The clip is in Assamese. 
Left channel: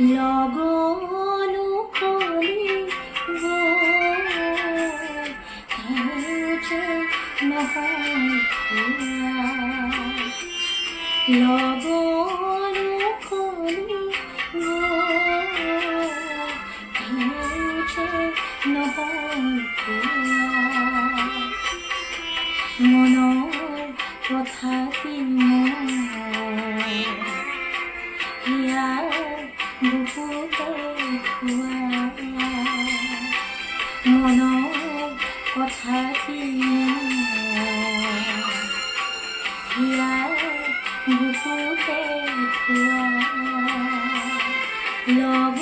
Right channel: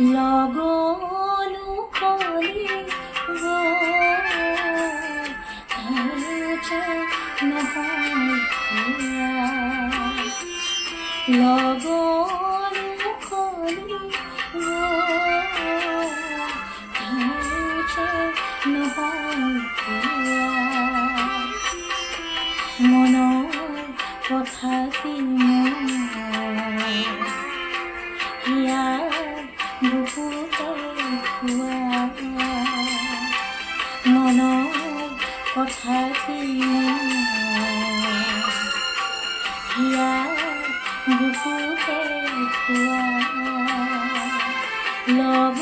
লগলো কলি যে নহয় খোৱা লগলো কলি যে নহয় খোৱা মনৰ কথাটি হিয়া বুকুতে খোৱা মনৰ কথাটি হিয়া বুকুতে খোৱা লগ